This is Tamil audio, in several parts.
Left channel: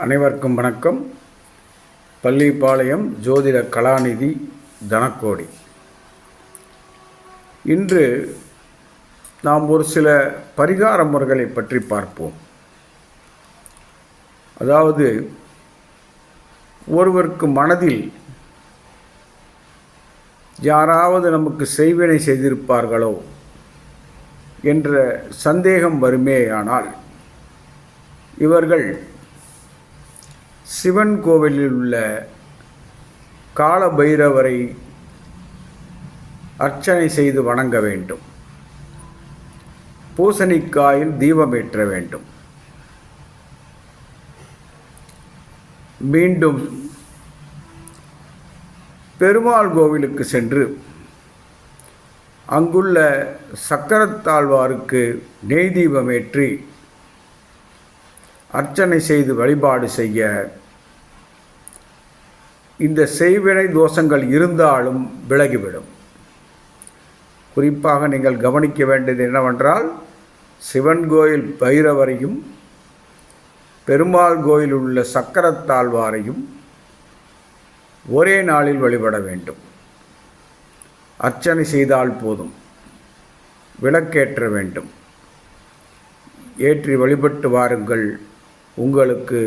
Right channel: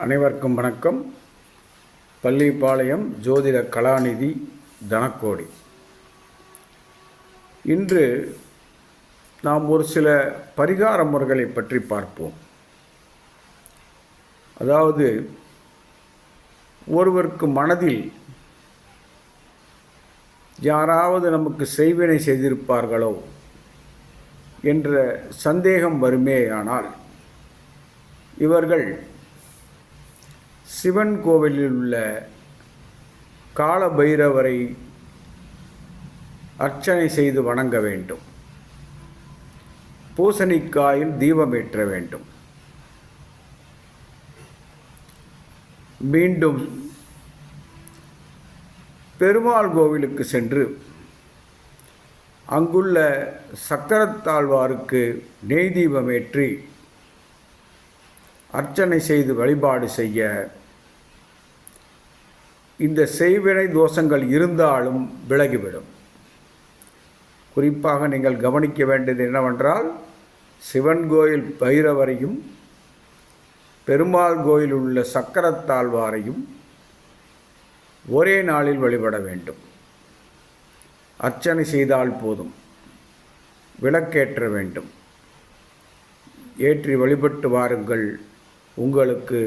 அனைவருக்கும் வணக்கம். பள்ளிப்பாளையம் ஜோதிட கலாநிதி தனக்கோடி. இன்று நாம் ஒரு சில பரிகார முறைகளை பற்றி பார்ப்போம். அதாவது ஒருவருக்கு மனதில் யாராவது நமக்கு செய்வினை செய்திருப்பார்களோ என்ற சந்தேகம் வருமேயானால் இவர்கள் சிவன் கோவிலில் உள்ள கால பைரவரை அர்ச்சனை செய்து வணங்க வேண்டும். பூசணிக்காயில் தீபம் ஏற்ற வேண்டும். மீண்டும் பெருமாள் கோவிலுக்கு சென்று அங்குள்ள சக்கரத்தாழ்வாருக்கு நெய் தீபமேற்றி அர்ச்சனை செய்து வழிபாடு செய்ய இந்த செய்வினை தோஷங்கள் இருந்தாலும் விலகிவிடும். குறிப்பாக நீங்கள் கவனிக்க வேண்டியது என்னவென்றால் சிவன் கோயில் பைரவரையும் பெருமாள் கோயில் உள்ள சக்கரத்தாழ்வாரையும் ஒரே நாளில் வழிபட வேண்டும். அர்ச்சனை செய்தால் போதும். விளக்கேற்ற வேண்டும். ஏற்றி வழிபட்டு வாருங்கள். உங்களுக்கு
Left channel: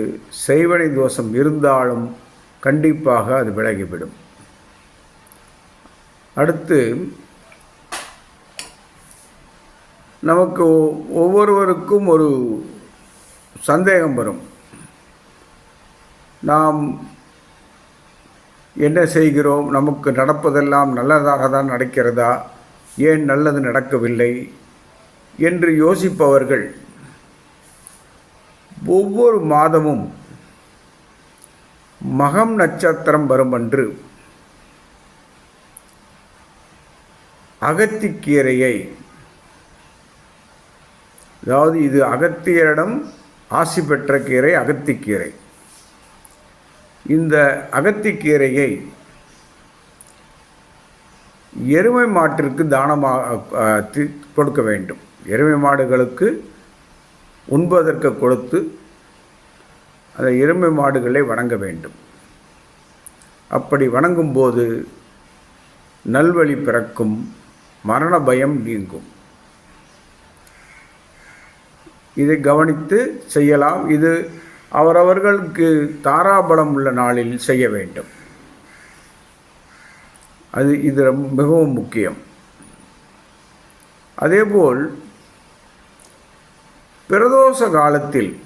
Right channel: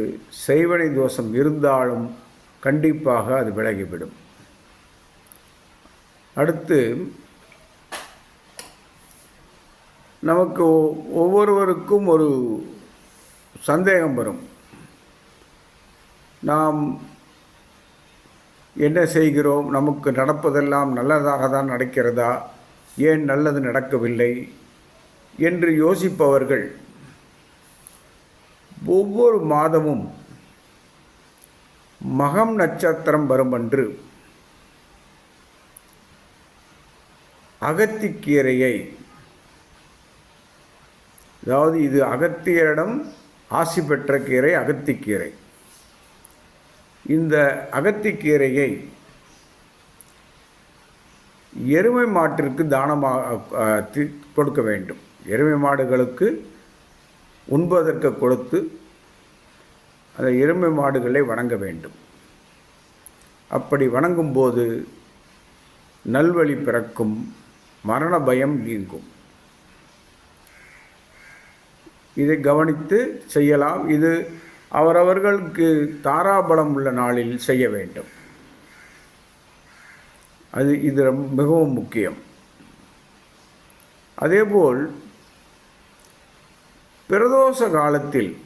செய்வனை தோஷம் இருந்தாலும் கண்டிப்பாக அது விலகிவிடும். அடுத்து நமக்கு ஒ- ஒவ்வொருவருக்கும் ஒரு சந்தேகம் வரும். நாம் என்ன செய்கிறோம்? நமக்கு நடப்பதெல்லாம் நல்லதாக தான் நடக்கிறதா? ஏன் நல்லது நடக்கவில்லை? என்று யோசிப்பவர்கள் ஒவ்வொரு மாதமும் மகம் நட்சத்திரம் வரும் அன்று அகத்திக்கீரையை அதாவது இது அகத்தியரிடம் ஆசி பெற்ற கீரை அகத்திக்கீரை. இந்த அகத்திக்கீரையை எருமை மாட்டிற்கு தானமாக தி- கொடுக்க வேண்டும். எருமை மாடுகளுக்கு உண்பதற்கு கொடுத்து அந்த எருமை மாடுகளை வணங்க வேண்டும். அப்படி வணங்கும்போது நல்வழி பிறக்கும் மரண பயம் நீங்கும். இதை கவனித்து செய்யலாம். இது அவரவர்களுக்கு தாராபலம் உள்ள நாளில் செய்ய வேண்டும். அது இது ரொம்ப- மிகவும் முக்கியம். அதேபோல் பிரதோஷ காலத்தில்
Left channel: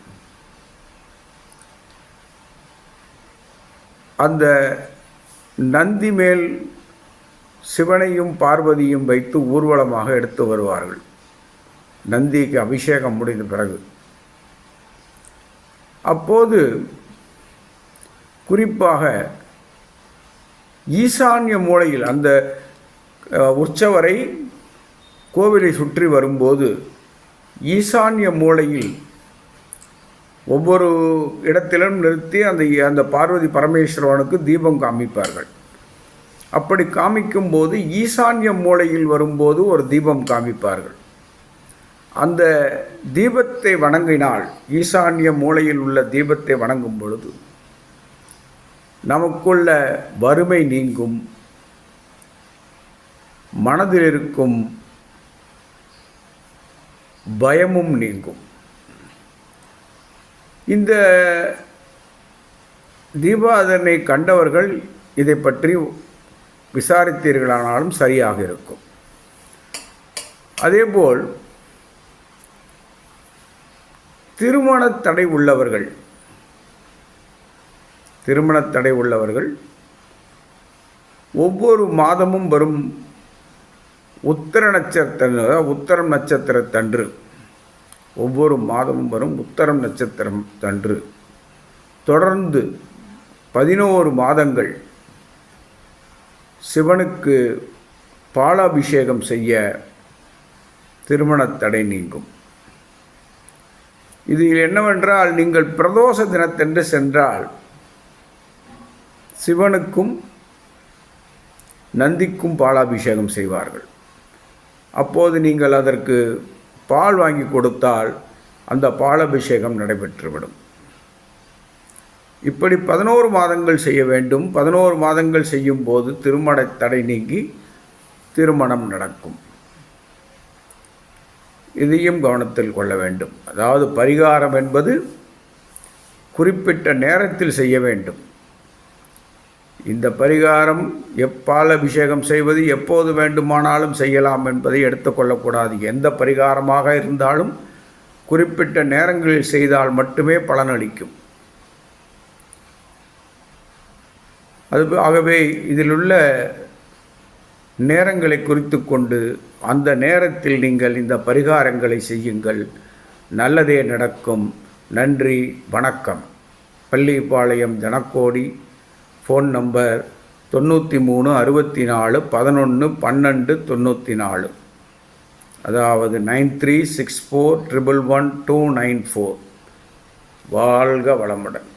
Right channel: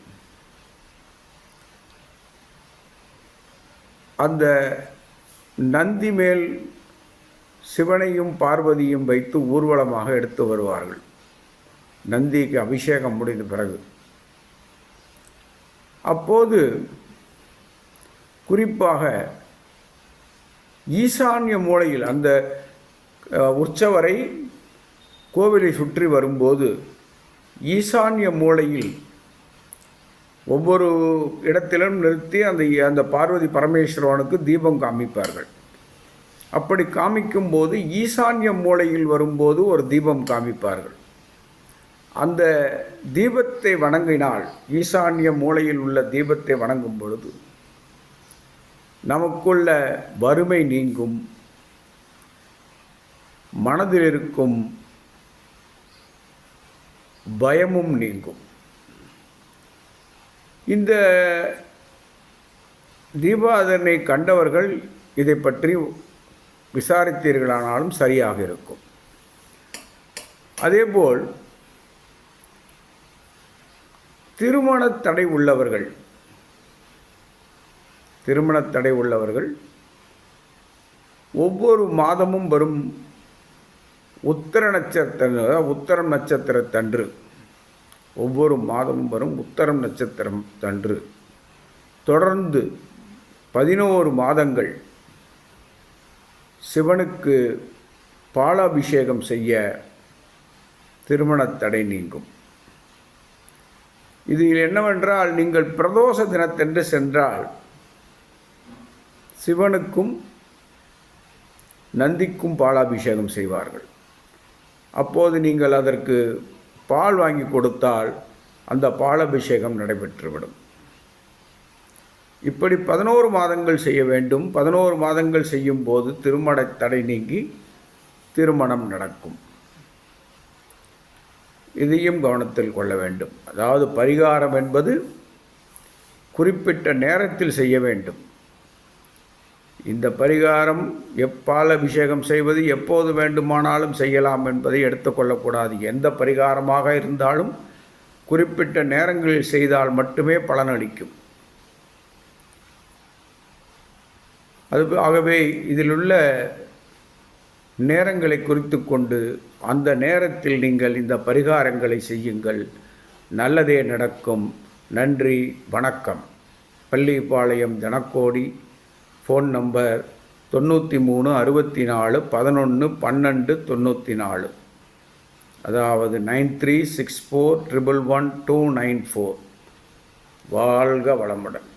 அந்த நந்தி மேல் சிவனையும் பார்வதியும் வைத்து ஊர்வலமாக எடுத்து வருவார்கள். நந்திக்கு அபிஷேகம் முடிந்த பிறகு. அப்போது குறிப்பாக ஈசான்ய மூலையில் அந்த உற்சவரை கோவிலை சுற்றி வரும்போது ஈசான்ய மூலையில் ஒவ்வொரு இடத்திலும் நிறுத்தி அந்த அந்த பார்வதி பரமேஸ்வரனுக்கு தீபம் காமிப்பார்கள். அப்படி காமிக்கும்போது ஈசான்ய மூலையில் வரும்போது ஒரு தீபம் காமிப்பார்கள். அந்த தீபத்தை வணங்கினால் ஈசான்ய மூலையில் உள்ள தீபத்தை வணங்கும் பொழுது நமக்குள்ள வறுமை நீங்கும் மனதில் இருக்கும் பயமும் நீங்கும். இந்த தீபாதனை கண்டவர்கள் இதை பற்றி விசாரித்தீர்களானாலும் சரியாக இருக்கும். அதேபோல் திருமண தடை உள்ளவர்கள் திருமணத் தடை உள்ளவர்கள் ஒவ்வொரு மாதமும் வரும் உத்தர நட்சத்திர உத்தர நட்சத்திரத்தன்று ஒவ்வொரு மாதமும் வரும் உத்தரம் நட்சத்திரம் தன்று தொடர்ந்து பதினோரு மாதங்கள் சிவனுக்கு பாலாபிஷேகம் செய்ய திருமணத் தடை நீங்கும். இதில் என்னவென்றால் நீங்கள் பிரதோஷ தினத்தன்று சென்றால் சிவனுக்கும் நந்திக்கும் பாலாபிஷேகம் செய்வார்கள். அப்போது நீங்கள் அதற்கு பால் வாங்கி கொடுத்தால் அந்த பாலபிஷேகம் நடைபெற்றுவிடும். இப்படி பதினோரு மாதங்கள் செய்ய வேண்டும். பதினோரு மாதங்கள் செய்யும் போது திருமண தடை நீங்கி திருமணம் நடக்கும். இதையும் கவனத்தில் கொள்ள வேண்டும். அதாவது பரிகாரம் என்பது குறிப்பிட்ட நேரத்தில் செய்ய வேண்டும். இந்த பரிகாரம் எப்பால் அபிஷேகம் செய்வது எப்போது வேண்டுமானாலும் செய்யலாம் என்பதை எடுத்துக்கொள்ளக்கூடாது எந்த பரிகாரமாக இருந்தாலும் குறிப்பிட்ட நேரங்களில் செய்தால் மட்டுமே பலனளிக்கும் அது ஆகவே இதிலுள்ள நேரங்களை குறித்து கொண்டு அந்த நேரத்தில் நீங்கள் இந்த பரிகாரங்களை செய்யுங்கள். நல்லதே நடக்கும். நன்றி வணக்கம். பள்ளிப்பாளையம் ஜனக்கோடி ஃபோன் நம்பர் தொண்ணூற்றி மூணு அறுபத்தி நாலு பதினொன்று பன்னெண்டு தொண்ணூற்றி நாலு அதாவது nine three six four triple one two nine four வாழ்க வளமுடன்.